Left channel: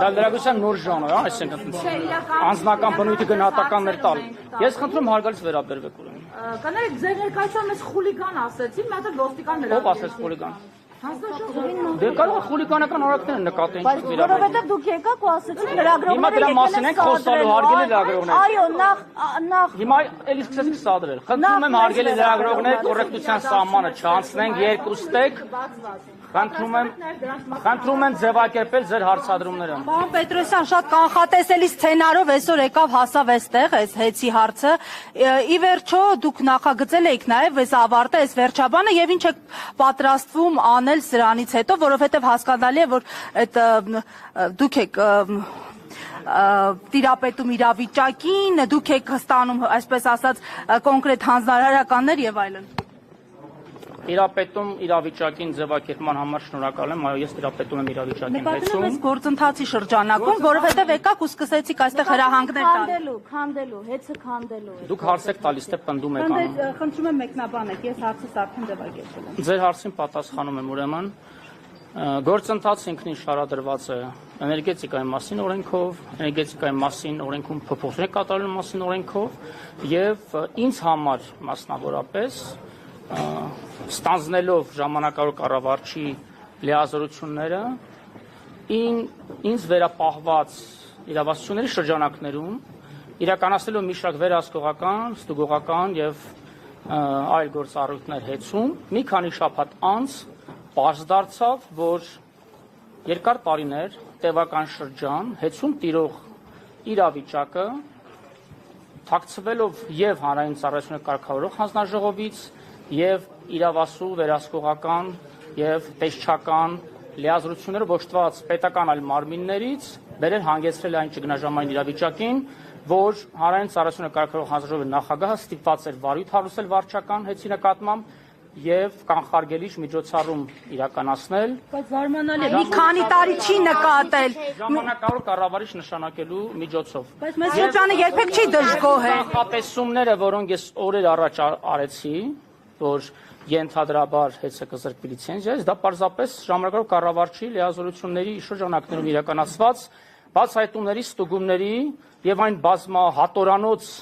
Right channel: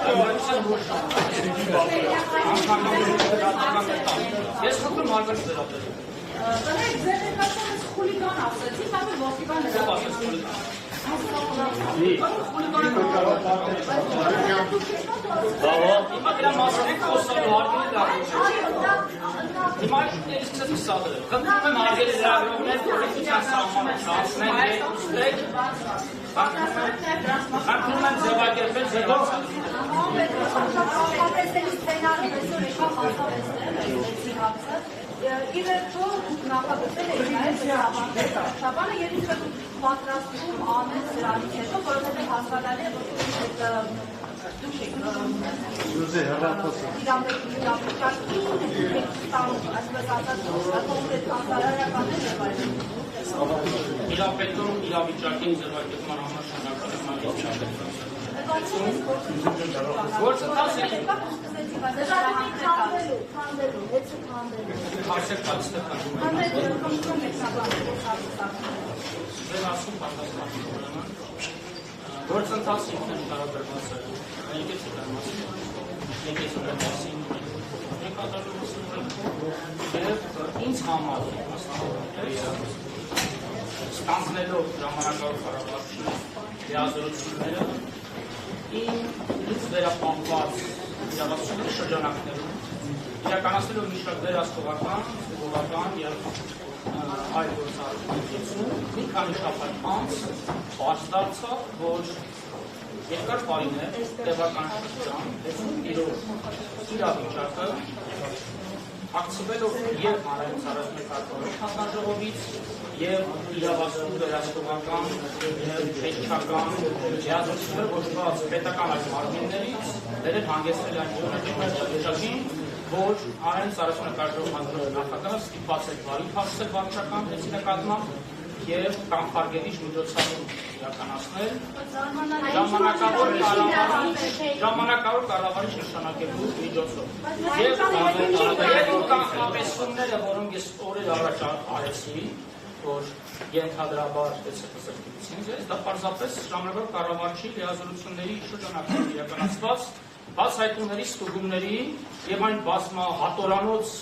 Դա վերաբերության նոր ժանր, անձնական բնույթի գնահատականներ տալ։ Ես խնդրում հարգանք վերաբերել։ Կներեք, ձեր ներկայացան ես խուլիգան ասեցի, mən ոստիկան Ո՞վ ասեց խուլիգան։ Եկան խուլիգանական արարքներ նկատել։ Որովհետև դուք եկաք ու ասեցիք Հիմա դրա մասին ենք խոսալու, հարգելի լրագրողներ։ Այո, նա Հիմա էլի սկսեցի սադրել։ Խնդրում եմ հարգելի լրագրողներ, կոռեկտության սահմանը չանցնենք, երկուստեք։ Խնդրում եմ ձևակերպել ձեր հարցադրումները։ Պարոն Պետրոսյան, շատ կանխատեսելի սցենարով այսօր եկավ հասավ այստեղ այս հեծի հարցը։ Ի վերջո դուք նախագծել եք նաև այս ավարտը, այս վերջաբանը եւ ինչ եք պատրաստվում անել սրանից հետո, որովհետեւ հասկանալի է, որ այդ դուք եք տիրապետում իրավիճակին, դուք եք ստանում, այսպես ասած, կոնկրետ հանձնարարականներ եւ այլն։ Տիրապետում իրավիճակին ձևակերպման համար շնորհակալ եմ, այո, ես տիրապետում եմ իրավիճակին։ Նկատում եմ գործընթացի շրջանակում, որովհետև եկաք ու սկսեցիք այստեղ հրահանգներ տալ։ Քանդելու, հեծը քանդելու։ Դուք հարց եք տալիս, այստեղ քանդում եք։ Խնդրում եմ մեկնաբանը, ես հարցից արդեն դեպի։ Ձեր հարցին պատասխանում եմ ուրեմն։ Գործընթացը ինքնին շարադրված է էներգետիկայի մասին օրենքով, էներգետիկայի մասին օրենքում փոփոխություններ կատարելու մասին օրենքով եւ ինձ համար մասնավորապես ստանձնելով ժամանակավոր կառավարչի լիազորությունները ինձ վերապահված իրավասությունների շրջանակներում իրականացնելով մի շարք վերահսկողական, ստուգողական եւ այլ գործառույթներ հեծում մի քանի շաբաթ անց պարզ դարձավ, որ երկար տարիներ տևական շրջան հեծում տիրող իրավիճակը թաքցվելով եւ հանրային ծառայություններ կարգավորող հանձնաժողովից եւ իրավասու վերահսկողական եւ տեսչական լիազորությունները ոչված պետական այլ մարմիններից բերել հանգեցրել այն ճգնաժամային իրավիճակին, որ հանրային ծառայություններ կարգավորող հանձնաժողովի նախագահը ստիպված էր բարի թավսել վարչական հեծի նկատմամբ եւ կանխարգելիչ միջոցառում իրականացնել։ Զարմանալի է, մի քանի տարի չի նկատել։ Ժամանակավոր կառավարիչ նշանակելու միջոցով։ Բայց մեզ շրջանը երբեք չի դժգոհ է։ Կանխատեսումները, որոնք ես օրեր առաջ արեցի, որ ենթադրաբար հեծը կզրկի լիցենզիայից, դա պարզապես ժամանակավոր կառավարչի լիազորությունների շրջանակներում իրականացված բացահայտումների, ստուգումների եւ այն բազմահատորանոց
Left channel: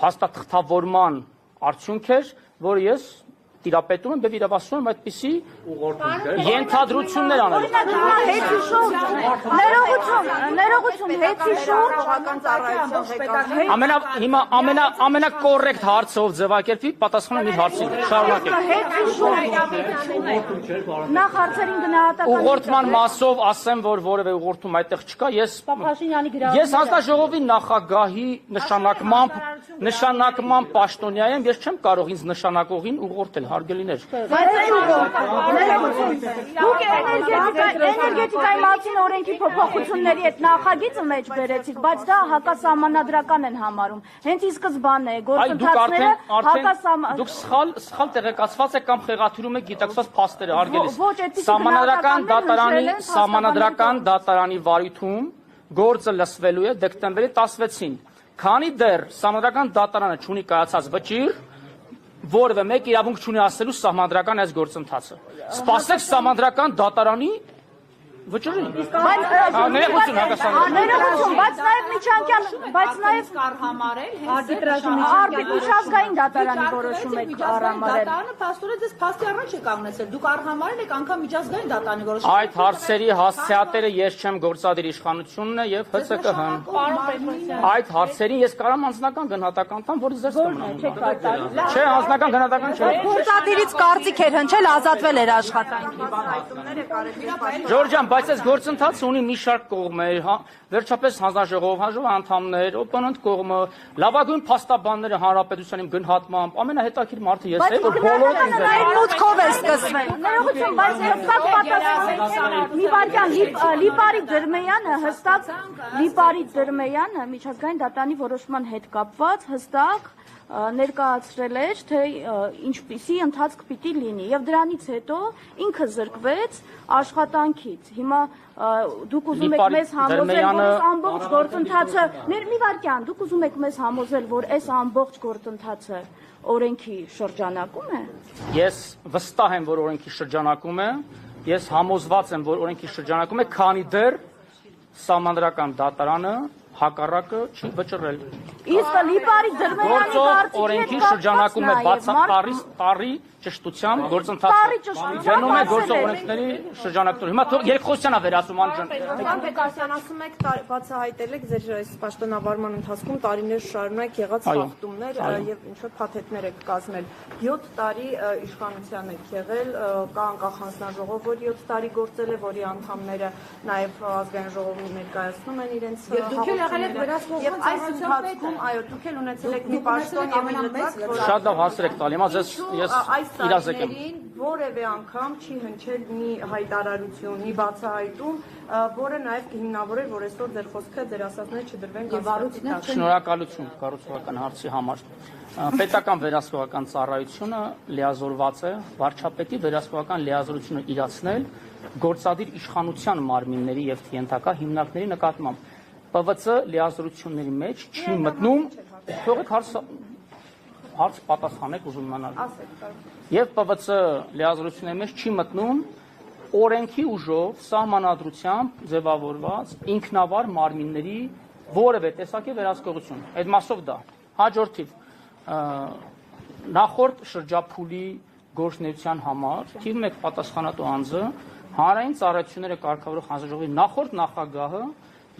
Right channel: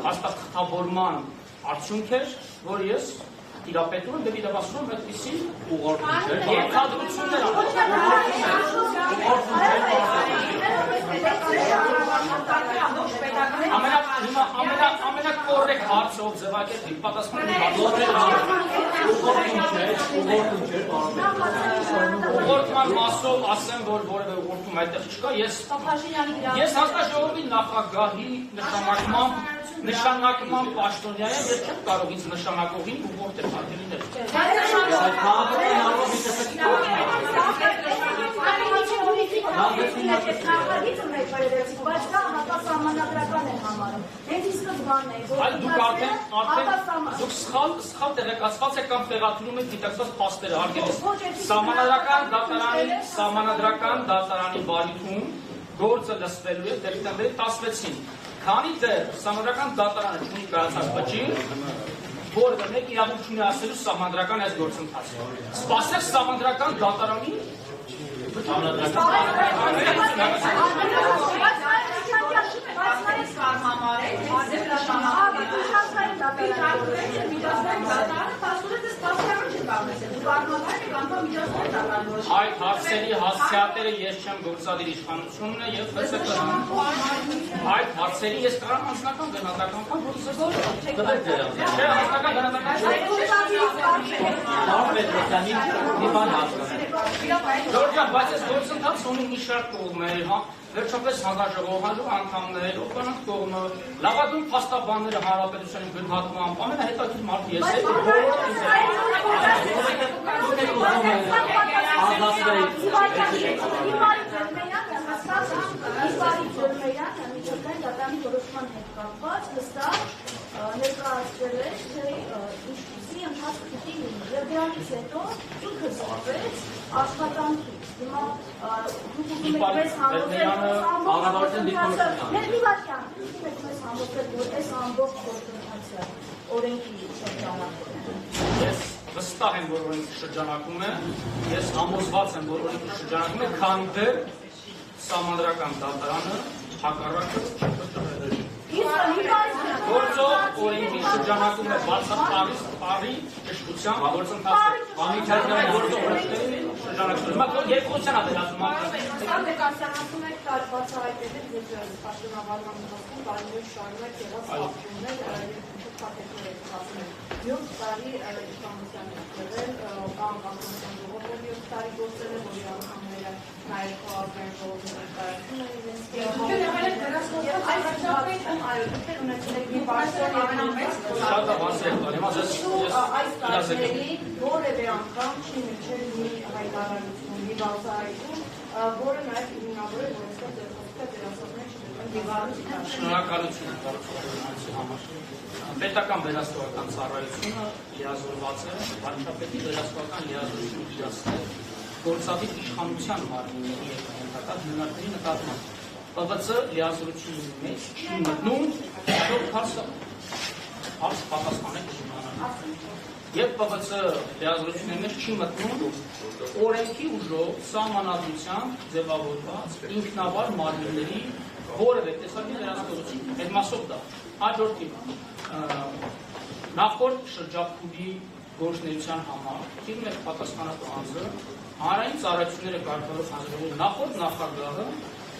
հաստատավորման արդյունք էր, որ ես տիրապետում եմ եւ իրավասում եմ այդպիսի ենթադրություններ անել։ Ամենակոռեկտ հարցով ձևակերպի պատասխանը մի հարցով ուղղորդման մասով ասեմ, որ որևէ ուղղորդում այդտեղ չկա, ես հանձնաժողովի նախագահի նշանակման պաշտոնյա եմ, ես չեմ կարող ինձ նշանակողին ուղղորդել, հարգելիներ։ Դուք էներգետիկայի մասին օրենքի փոփոխությունների հետ նախագիծը մեծ բերեցիք, բայց դա հակասահմանադրական են համարում։ Հենց ի սկզբանե գործընթացները Դուք սխալ տեղեկացված եք կամ տեղաթյուրում եք գիտակցված փաստերը, հարգելի։ Սահմանադրական դատարանի վարույթում գործը լսվելու է դեկտեմբերի 16-ին։ Քանի դեռ սահմանադրական դատարանը չունի կայացած վճիռ, որևէ մեկ իրավունք չունի ասելու սահմանադրական այս գործընթացը։ Սպասեք սահմանադրական դատարանի Արտիճազգային դատարանի որոշում եք արամարել։ Այդ հարցերի հասցեատերը ես չեմ, գործադիր իշխանությունն է եւ ՀՑԿ-ն։ Այդ հարցերի ես կարամ անձնական գնահատական տամ, որի ձեզ չէ, անձնական գնահատական չէ։ Գործադիրից կարծիք էր հնչել, ազատվել էր աշխատանք։ Ժորժ ջան, բայց այս գործընթացը ունի մի շարք կողմեր, հա, վերջապես հանձնաժողով անդամներ, օպոնենտ կողմը, լավագույն փաստաբանները հանրապետության գնահատմամբ, ամենահետաքրքիր մարդը ես եմ, որ բոլորը մուտքով է սկսվել։ Լիպարի Ջերմեյանը միջազգային դատանի որոշման հետ կապված հստակ ներկայացրել էր, թե ինչպիսի ընթացք պիտի լինի, եւ դրանից հետո ինքը զրկվեց աշխատանքից։ Հիմա դուք ուզում եք մեզ համոզել, որ ամբողջ գործընթացը, դուք ուզում եք մեզ համոզել, որ այս ամբողջ գործընթացը օրենքի շրջանակում է։ Ես վստահ եմ, որ օրենքի շրջանակում է, ես համոզված եմ, որ օրենքի շրջանակում է, քանի դեռ Սահմանադրական դատարանը հակառակը չի վճռել։ Իսկ Լիպարի Գործով օրենքի շրջանակում է բացատրարի ճշտությամբ գործընթացը գնում է գործող օրենքների շրջանակում։ Հիմա երկխոսության է վերածում անջան։ Դուք արտանացում եք բացահայտել եք ձեր այս պաշտոնավարման ընթացքում տարիներ շարունակ եղած խախտումներ եւ շատ փաթեթներ եք կազմել։ 7 տարի իշխանության եք եղել, կա անկախ հանձնաժողով, որ 7 տարի գործել է, որի անդամները նաեւ ազգային ժողովում ներկայացնում են իրենց եւ այս ընթացքում այո, դուք եք ունեցել եք մի պաշտոն ամենամեծ, Շատ հասր եք տալ, հիմա ես իրազեկ եմ։ որևէ անգամ չի նշել մի հայտարարություն, մի բացահայտում, որը նաև հիմնավոր է, որ այսօր ձեր խոսքը ձեր ասածները չդրվեն գավառությունից։ Շնորհակալություն կառուցողական հարցի համար։ Պետական վերահսկողական ծառայությունը լիազորված է վարչապետի վերահսկողական լիազորությունը իրացնել գործադիր իշխանության մարմինների եւ կենտրոնական հիմնարկների նկատմամբ։ ՊՎԾ լիազորությունների մեջ չի մտնում հարց պատասխանեք ուզում իմանալ։ Եվ ՊՎԾ լիազորությունների մեջ չի մտնում օրենքի ուժով սահմանադրությամբ ձևավորված ինքնավար մարմինների որևէ տեսակի վերահսկողություն։ Այդ մասով դա հաջորդի նախորդ շրջափուլի գործունեության համար թիվ 1 պատասխանատու անձը հանրային ծառայությունները կարգավորող հանձնաժողովի նախորդ նախագահը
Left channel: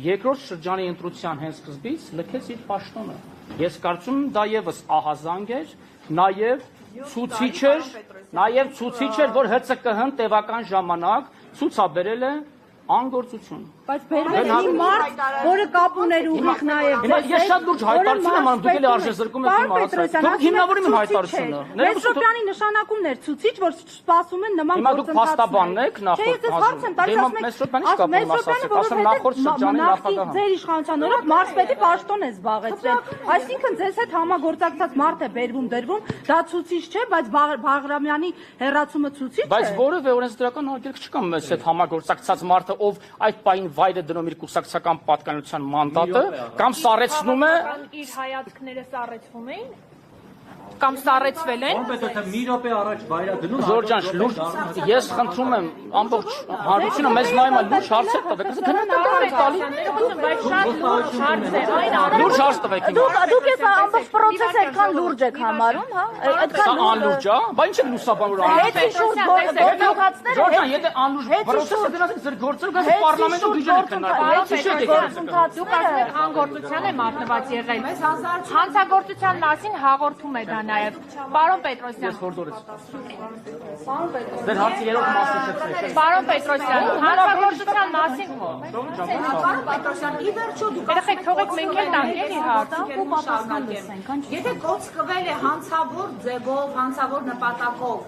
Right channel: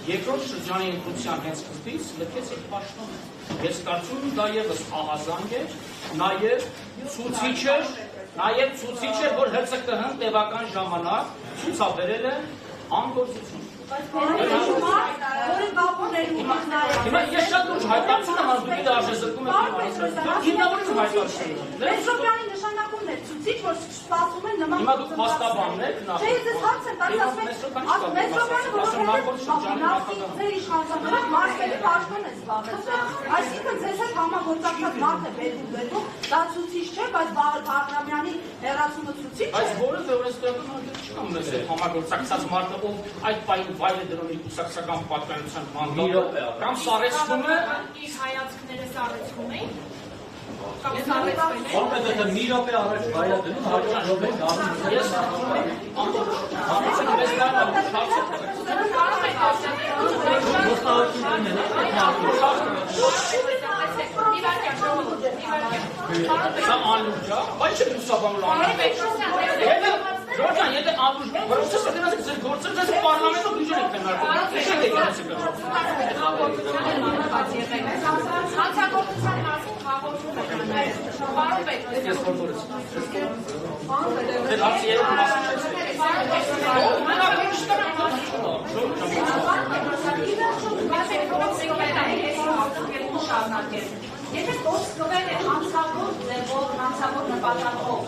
երկրորդ շրջանի ընտրության հենց սկզբից լքեց իր պաշտոնը։ Ես կարծում եմ դա եւս ահազանգ է, նաեւ ցուցիչ էր, որ ՀՑԿՀ-ն տևական ժամանակ ցուցաբերել է անգործություն։ Բայց բերել մարդ, որը կապ ուներ ուղիղ նաև։ Հիմա ես շատ լուրջ հայտարարություն եմ անում, դուք էլ արժեզրկում եք իմ արարածը։ Դուք հիմնավորում եք հայտարարությունը։ Պետրոսյանի նշանակումն է ցուցիչ, որ սպասում են նման Հիմա դուք փաստաբանն եք ձեր իշխանության օրոք մարզերի պաշտոն է զբաղեցրել։ Այսինքն ձեզ հետ համագործակցած մարդ է բերվում, դա ցուցիչ չէ, բայց Բաղրամյանի հերացումը ցուցիչ է։ Բայց որևէ օրենսդրական արգելք չկա մեզ հետ համագործակցած մարդը, ով այդ պահին վայր է դնում իր կուսակցական պատկանության մանդատը, կամ սառեցնում է Իր հայացքները սառեցում էին կամ սառեցվել են։ Մի րոպե առաջ վայր դնում Ժորժան, լուրջ, ես խնդրում եմ ամբողջ հանրությունը մեզ նայում է լուրջ հարցեր տվեք։ Լուրջ հարց տվեք։ Դուք ես ամբողջ պրոցեսը այդքան լուրջ եք համարում, հա։ Դա անլուրջ է, բայց չէ լուսաբանուր Ժորժան, եթե անլուրջ պրոցեսը դրանից ձեր գործը դա պարլամենտում գիժեր եք Հաղորդության է մատնված եղել։ Հանցագործության մասին հաղորդում եք նաև։ Պարոն Պետրոսյան։ Ձեր հարցի երրորդ մասը չէ։ Պարոն Պետրոսյան, հանցագործության մասին։ Երեխեք, թողեք մենք էլ նայենք։ Եթե գործվել է հանցավոր ձևով, հանցավոր նպատակով,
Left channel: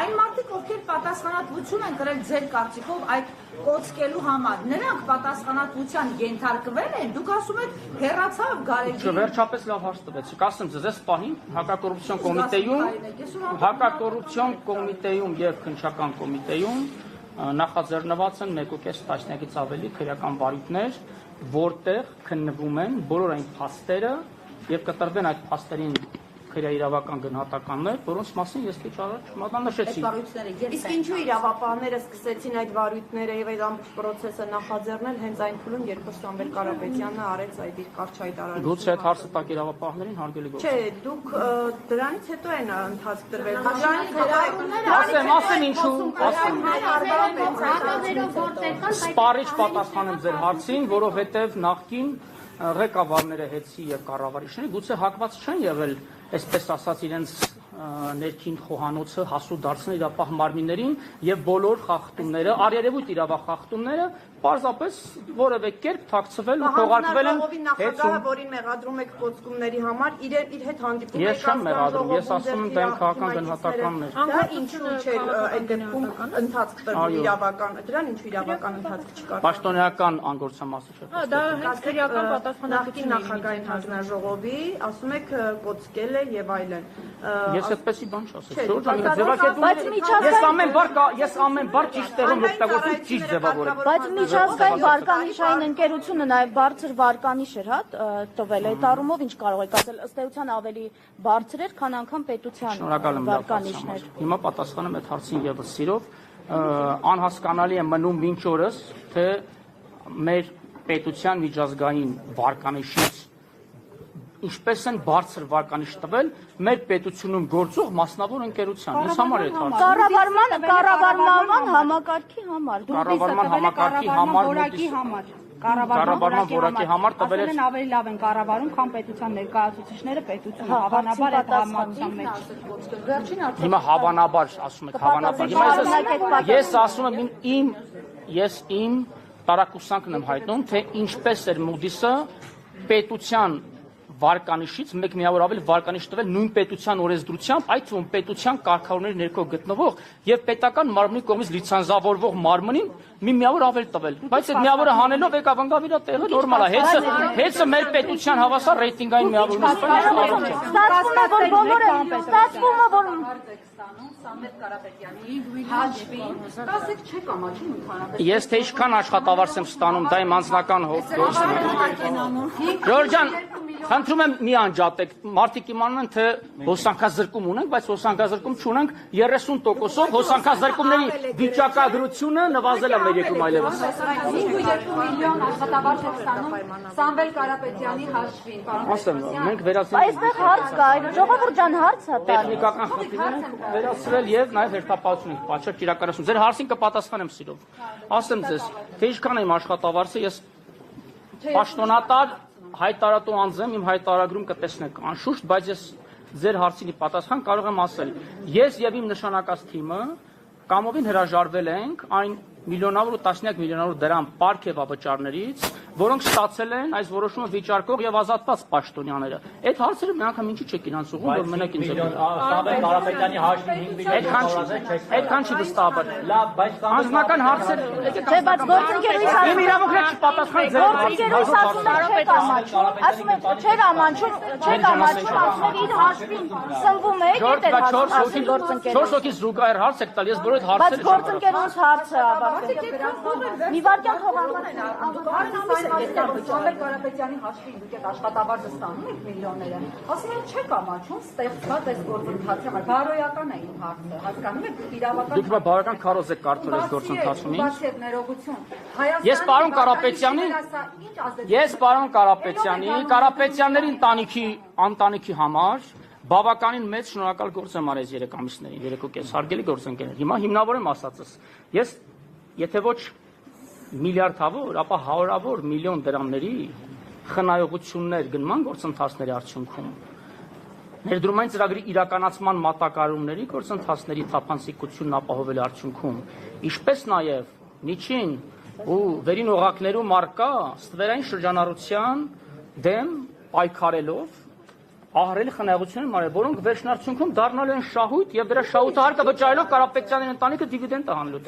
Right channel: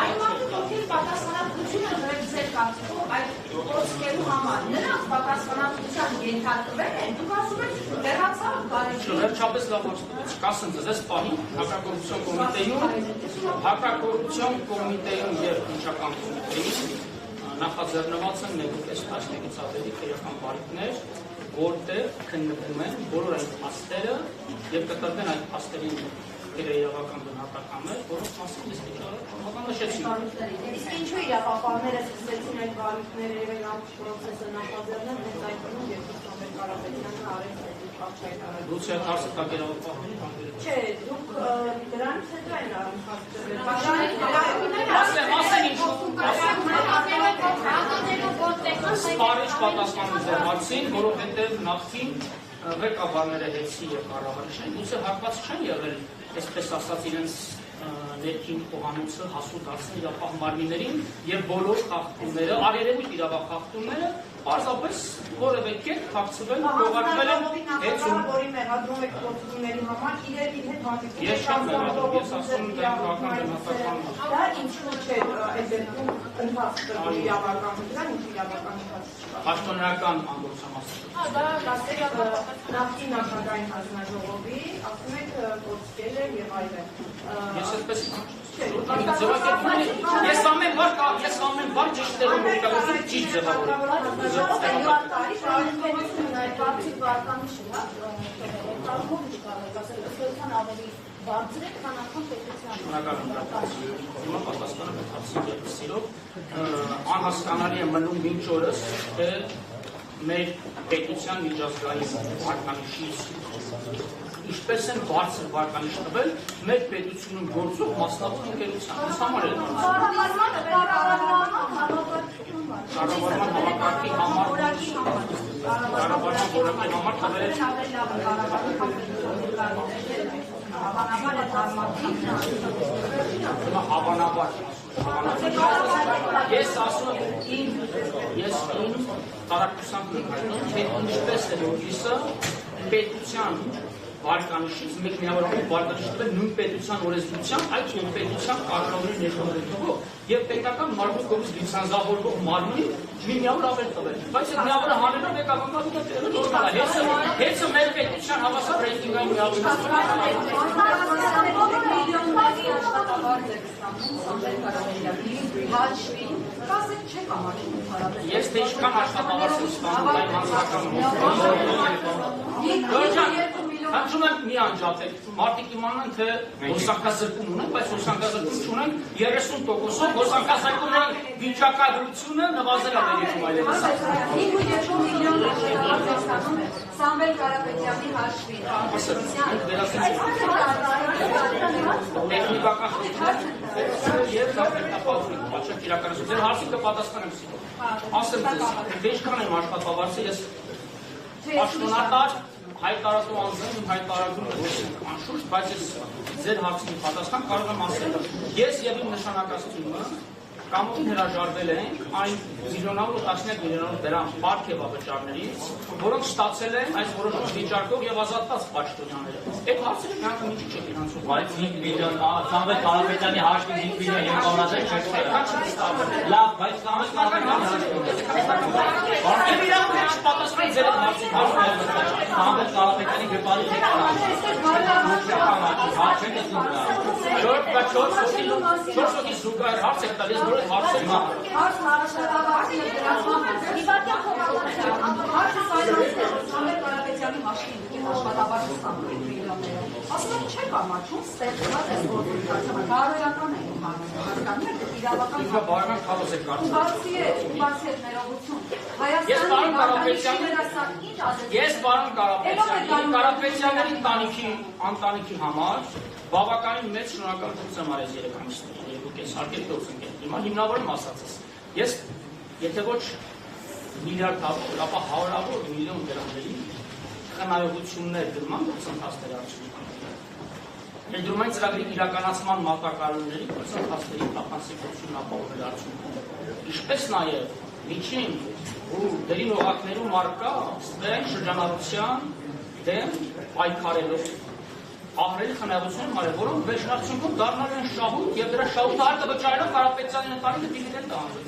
այն մարդիկ, ովքեր պատասխանատվություն են կրել ձեր կարծիքով այդ գործելու համար, նրանք պատասխանատվության ենթարկվել են, դուք ասում եք հեռացավ գարեջի։ Վերջապես լավ հոց տվեց, կասեմ ձեզ, այս պահին հակակոռուպցիոն կոմիտեում եւ քննչական կոմիտեում նախաձեռնված են 1.5 տասնյակից ավելի քրեական բարիկներ, որտեղ քննվում են բոլոր այն փաստերը եւ կտրվեն այդ փաստերին իրավական գնահատականներ, որոնց մասին ես քիչ առաջ մատնանշեցի։ Իսկ ինչու իրավապահները սկսեցին այդ վարույթները եւ այդ ամբողջ process-ը նախաձեռնել հենց այն փուլում, երբ Սամվել Կարապետյանը արեց այդ իր կարճայտարարությունը։ Դուք այդ հարցը տակ իրավապահներին հանդիպել եք։ Չէ, դուք դրանից հետո են ընթացել։ Ասեմ ինչու, Սպարիչ պատասխանում ձեր հարցին, որովհետև նախկին ղեկավարները Էցի եւ կառավարիչները գուցե հակված չեն եղել, այսպես ասած, իրենց ներքին խոհանոցը հասու դարձնել իրավապահ մարմիններին եւ բոլոր խախտումները, արերևույթ իրավախախտումները պարզապես որևէ կերպ փակցվել ու թողարկվել են հետո որի մեղադրում եք գործումների համար իր հետ հանդիպում Ես չեմ մեղադրում, ես ասում եմ դա քաղաքական դեմոկրատիան է։ Դա ինչու՞ չէ այդ դեպքում ընթացքը իրավական դրան ինչ իրավական ընթացք չկա։ Պաշտոնական անգործամասը։ Դա հասարակական պատասխանատվի նախագահային հանձնաժողովի, ասում եք կոչել է եւ այլն։ Ես այդպեսի բան չասեմ։ Ես ամեն բան ճիշտ տեղում օգտագործում ճիշտ ձևավորում։ Բայց միջազգային վարկանիշային ընկերությունը նաև բարձր վարկանիշ էր, հա, տվել այդ առումով ինչ կարող եք ասել, ըստեյության ավելի բարձր է, քան անգամ պետության վարկանիշներ։ Հիմա պատասխանում եմ հարցին եւս սիրով, անհասկանալի է մնում մինչ օրս, թե մեր պետության միջազգային վարկանիշից ինչպես են բարձր վարկանիշ տվել մեր պետությունում գործող մասնավոր ընկերության։ Ես համար եմ կառավարման համակարգի համար։ Կառավարման համակարգի համար, կառավարման որակի համար տվել են ավելի լավ են կառավարում, քան պետության ներկայացուցիչները պետությունը հավանաբար է կառավարում։ Հիմա հավանաբար ասում եք հավանաբար։ Ես ասում եմ ես իմ տարակուսանքն եմ հայտնում, թե ինչպես է Moody's-ը պետության վարկանիշից մեկ միավոր ավելի վարկանիշ տվել նույն պետության օրենսդրությամբ, այդ նույն պետության կարգավորների ներքո գտնվող եւ պետական մարմնի կողմից լիցենզավորվող մարմնին մի միավոր ավել տվել։ Բայց այդ միավորը հանելով եկավ ընկավ իր տեղը նորմալ է։ Հեծը մեր պետության հավասար ռեյտինգային միավորն է։ Ես թե ինչքան աշխատավարձ եմ ստանում, դա իմ անձնական Խնդրում եմ մի անջատեք, մարդիկ իմանում են, թե հոսանքազրկում ունենք, բայց հոսանքազրկում չունենք 30%-ով հոսանքազրկումների վիճակագրությունը նվազել է մեր երկրում այլևս։ 5.2 միլիոն աշխատավարձ է ստանում Սամվել Կարապետյանի հաշվի։ Ասեմ, մենք վերացնում Բայց հարց կա, ժողովրդական հարց է։ տեխնիկական վերացրել եւ նաեւ հետապատում, պատշաճ իրականացում։ Ձեր հարցին կպատասխանեմ սիրով։ Ասեմ ձեզ, թե ինչքան եմ աշխատավարձը, ես պաշտոնատար հայտարարու անձեմ իմ հայտարարում կտեսնենք անշուշտ, բայց ես ձեր հարցի պատասխան կարող եմ ասել։ Ես եւ իմ նշանակած թիմը կամովին հրաժարվել ենք այն միլիոնավոր ու տասնյակ միլիոնավոր դրամ պարգևավճարներից, որոնք ստացել են այս որոշումը վիճարկող եւ ազատված պաշտոնյաները։ Այդ հարցերը նրանք ինչի՞ չեք իրանցում, բայց մենակ ինձ Սամվել Կարապետյանի հաշվի 5 միլիոն եւ այդքան չի վստահաբար։ լավ, բայց Անձնական հարցեր իմ իրավունքը չպատասխան ձեր Չորս հոգի զուգահեռ հարց եք տալ, ես բոլոր հարցեր գործընկերոջ հարցը մի վարդան Սամվել Կարապետյանի հաշվի դուք եք աշխատավարձ ստանում եք միլիոնները։ Ասում եմ չեք ամաչում ստեղծված այս գործընթացը, բարոյական է իմ հասկանում եք իրավական։ Դուք բավական քարոզ եք կարծում եք 4 ընթացումից։ Բացի այդ ներողություն։ Ես պարոն Կարապետյանի ընտանիքի համար բավականին մեծ շնորհակալ գործ եմ արել 3 ամիսների, 3.5 հարգելի գործընկերներ։ Հիմա հիմնավորեմ ասածս։ Ես եթե ոչ միլիարդավոր, ապա հարյուրավոր միլիոն դրամների խնայողություններ գնման գործընթացների արդյունքում ներդրումային ծրագրի իրականացման մատակարարումների գործընթացների թափանցիկությունն ապահովելու արդյունքում, ինչպես նաև միջին ու վերին օղակներում առկա ստվերային շրջանառության դեմ պայքարելով ահռելի խնայողություններ արել, որոնք վերջնարդյունքում դառնալ են շահույթ եւ դրա շահութահարկը վճարելով Կարապետյանի ընտանիքը դիվիդենդ է հանել։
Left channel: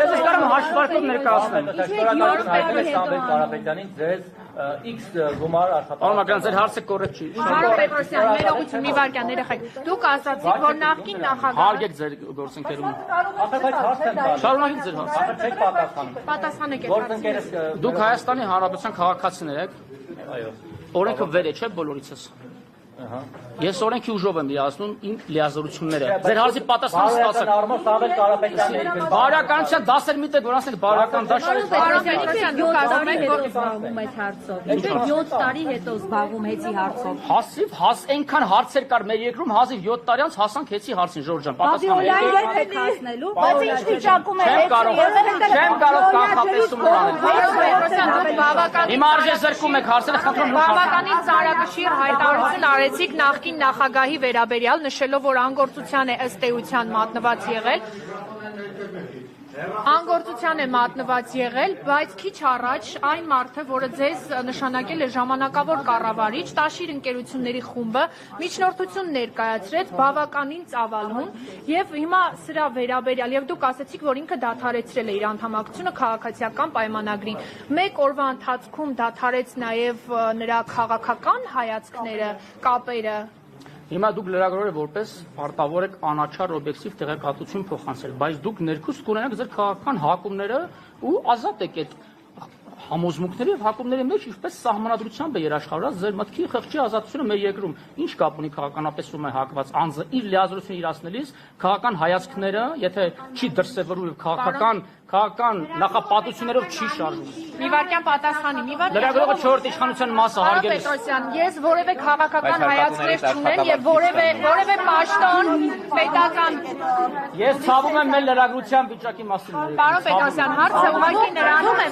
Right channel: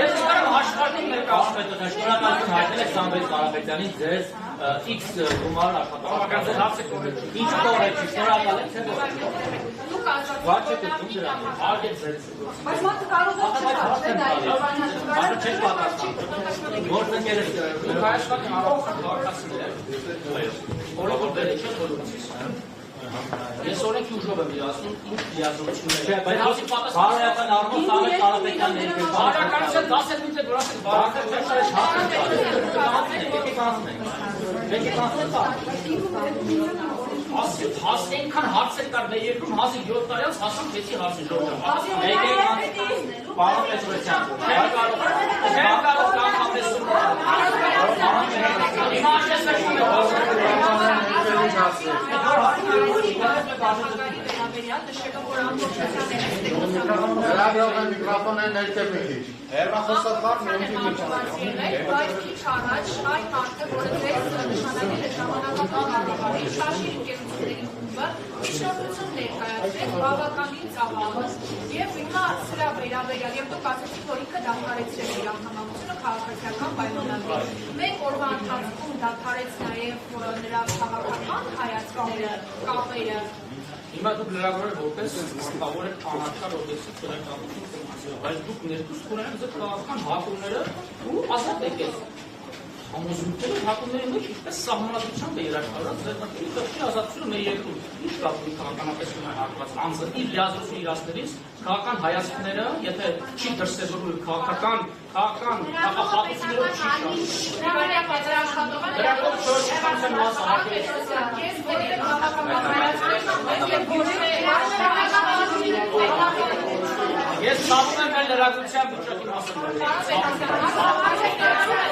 Ես եկամ հաշվարկում ներկայացնել։ շնորհակալություն հայտնել եք Սամվել Կարապետյանին ձեր X գումար Ալմագյան, ձեր հարցը կորեկտ չի։ Մի վարքյան երեխեք։ Դուք ասացիք, որ նախկին նախագահ Հարգեք ձեր գործընկերներին։ պատասխանեք։ Դուք Հայաստանի Հանրապետության քաղաքացիներ եք։ Օրենքը վեր է, չէ՞ բոլորիցս։ Ես օրենքի ուժով եմ լիազում իմ լիազորությունները։ Ձեր հարցի պատասխանը ստացեք։ Սամվել Կարապետյանի Բարականության դասեր մի տեղ որ ասեն բարական դա չէ։ Դուք ասում եք, որ զբաղվում եք հարցով։ 7 տարի հետո զբաղվում եք հարցով։ Հաս այնքան հարցեր կար մեր երկրում 1700 տարի անց հասանք հեցի հարցը Ժորժը։ Պատասխանը բայց ինչ վիճակում է չեմ կարող կանխատեսում Հիմա աջակցում եք հասել խնդրում Բավականին ծայրացի հայտարարություն արեցիք նախկին նախագահի վերաբերյալ, նշելով, որ անգործության է ըստ էության մատնված եղել։ Անգործության է մատնված եղել, բայց քիչ առաջ այն մարդը, որը ձեզ նշանակել է ժամանակավոր կառավարիչ, Տաշիր ընկերությունների խումբը միջնորդություն ներկայացրեց բավականին ծավալուն եւ հիմա սրա վերաբերյալ եւ դուք ասացիք, որ ինքը դադարեցրել է իր անդամակցությունը քաղաքացիական պայմանագրի։ Մեկ օրվա ընթացքում դադարեց նաեւ նրա քաղաքական հայացքները, կապերը։ Հիմա դուք լրագրողը որպես մարտավոր եք անաչառ օբյեկտիվ տեղեկատվություն փոխանցել, բայց դուք ներքուստ կունենաք ձեր քաղաքական հակումները ու ազատ եք համոզմունքների եւ հակումների մեջ ինչպես սահմանադրությամբ է երաշխավորած ձեր մտքի խղճի ազատությունը մեր երկրում։ Ինչ կապ ունի քաղաքականապես ում է հակված անձը իր լիազորություն իրացնելիս քաղաքական հայացքները, եթե չի դրսևորում քաղաքական նախապատվություններով չի շարժվում։ Իվանյան պատասխան Լրագրողը 4 իշխանության մասը հարգել է։ Ես որևէ քաղաքական հայացքներ չունեմ եւ որևէ պաշտոն պետական Ես ցավում եմ մեր լրագրության վիճակի մասին։ Պարոն Պետրոսյան, հարցը ուղղակի նրանում է,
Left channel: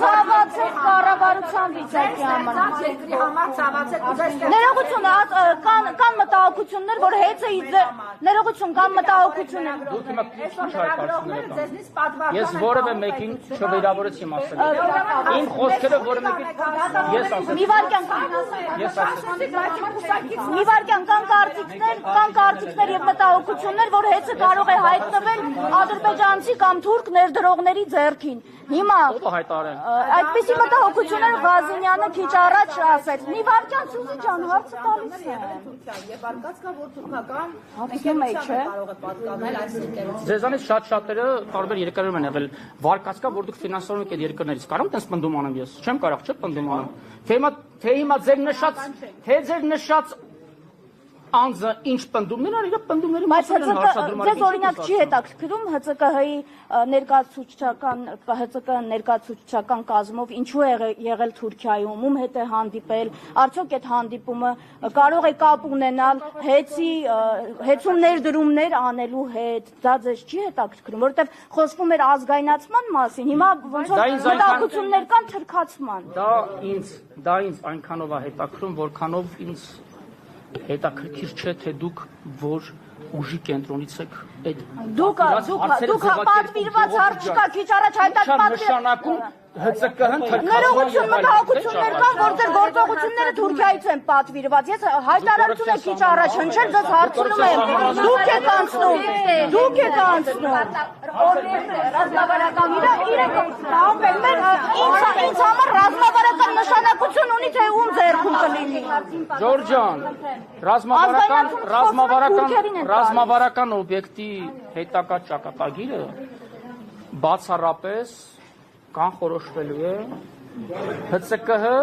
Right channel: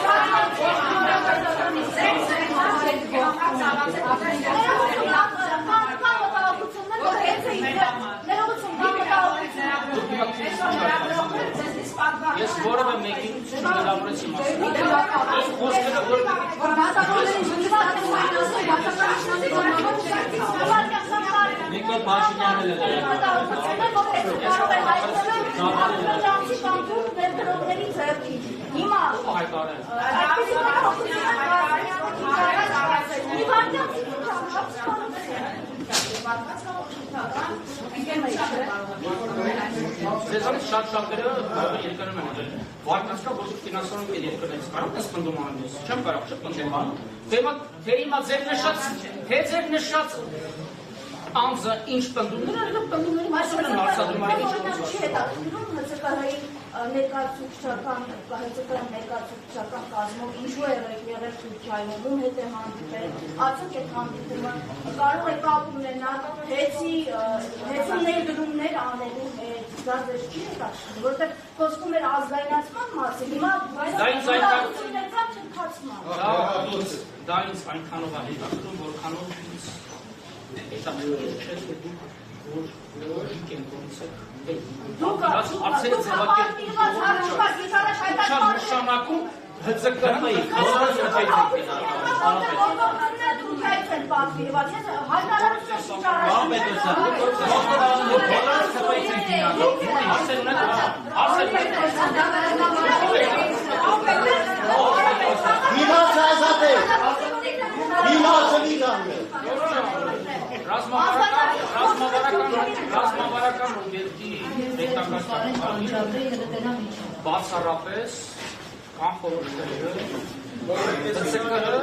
Ներողություն, կան մտահոգություններ, որ հետ է իձեր, ներողություն, կան մտահոգություններ։ Ես որևէ մեկին չվերավորեցի մասին։ Իմ խոսքերը որևէ ես ասեցի։ Իվարկյան կան կարծիքներ և մտահոգություններ, որ հետ կարող է հայտնվել ադրբեջանցի կամ թուրք ներդրողների ձեռքին։ Հիմա այդպիսի մտահոգություններ Ղազարյանը քիչ առաջ ասեց։ Իվարկյան ցիկի ջան, Ձեզանից շատ շատերը տարբեր երկրներում են եղել վարկած կա, որ դուք ֆինանսավորում եք երկրներից կարող եք պնդում անեմ ես, չեմ կարող, չէ՞ պնդում անեմ, թե հիմա ձեր նշած անձը ինչ պնդումներ են, իրոք պնդումների մասին են հարցադրում։ Ձեզ օրինակ չի հետաքրքրում ՀՑԿ-ի ներկայացուցչական կազմով ինչու է եղել Թուրքիայում, ում հետ է հանդիպել, արդյոք այդ հանդիպումը կարող է կապ ունենալ հեծում ներդրումներ անելու հետ, դա ձեզ չի հետաքրքրում, որովհետև խոսվում էր ազգայնացման մասին, հիմա մտահոգություններ կան թրքացման։ Դա ինձ այնքանով է հետաքրքրում, որքանով ինձ հետաքրքիր չէ, թե դուք որ ուժի կենտրոնից եք։ Դուք պատվիրված հարցկա քիչ առաջ հայտարարում ՀՑԿ-ն մտահոգություններ կան, որ ձեր գործողությունները Թուրքիայից են պատվիրված։ Ես հայտարարություն եմ քիչ առաջ հնչել, ձեզ հարցնում եմ, դուք եք անցնում, դուք եք Ժորժան, ռազմավարական օբյեկտի հետաքրքրությունը բացառապես կանխորոշվել է ՀՑԿ-ը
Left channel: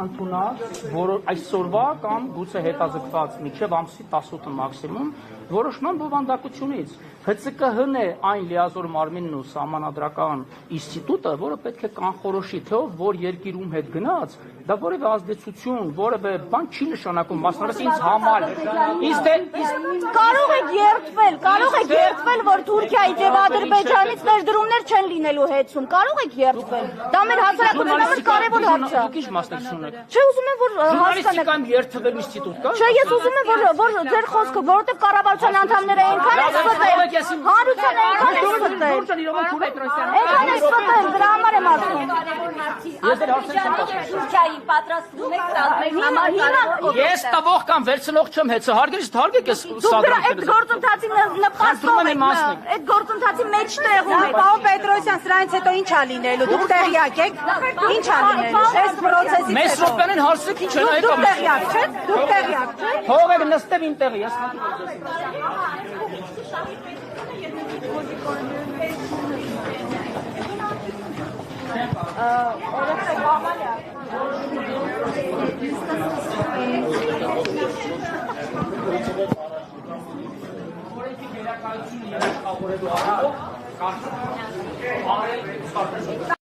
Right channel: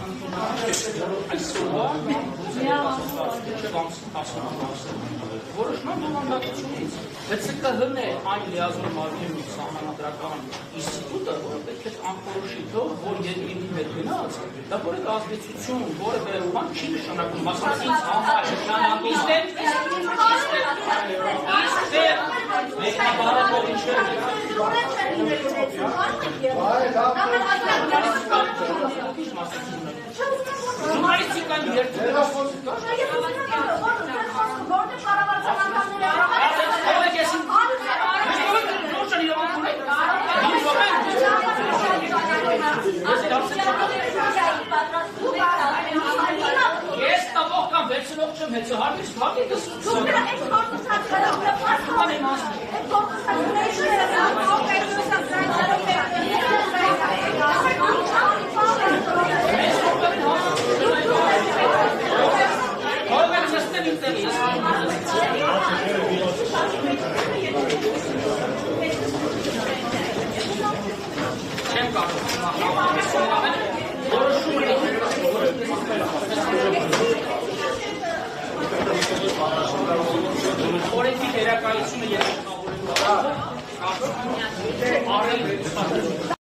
ընդունած, որ այսօրվա կամ գուցե հետազոտված մինչև ամսի 18 մաքսիմում որոշման բովանդակությունից ՀՑԿ-ն է այն լիազոր մարմինն ու սահմանադրական ինստիտուտը, որը պետք է կանխորոշի, թե որ երկիրում հետ գնաց, դա որևէ ազդեցություն, որևէ բան չի նշանակում, մասնավորապես ինձ համար կարող եք երդվել, որ Թուրքիայի դեպ Ադրբեջանից ներդրումներ չեն լինելու հեծում, կարող եք երդվել, դա մեր հասարակության կարևոր հարց է։ Ինչ մասնակցություն եք։ Չէ, ուզում եմ, որ Ժուրնալիստիկան երդվելու ինստիտուտ կա։ Չէ, ես ուզում եմ, որ ձեր խոսքը, որովհետև կառավարության անդամները այնքան են ստվել, հարության Ես տվող կամ վերցնող չեմ հետո հարգելիս թարգեք ես այդ գործընթացի այդ գործընթացի մեջտեղում է Պարոն Պետրոսյան, սրանից հետո ինչ ա լինելու, դուք տեղյակ եք, ինչ ա լինելու։ Մեզ սոպերին հարցը չի չեն հետո Հով եք նստել ինտեղի ես չեմ կարող Օրենքի դերակայությունը երաշխավորելու առումով կարծում եմ ավելի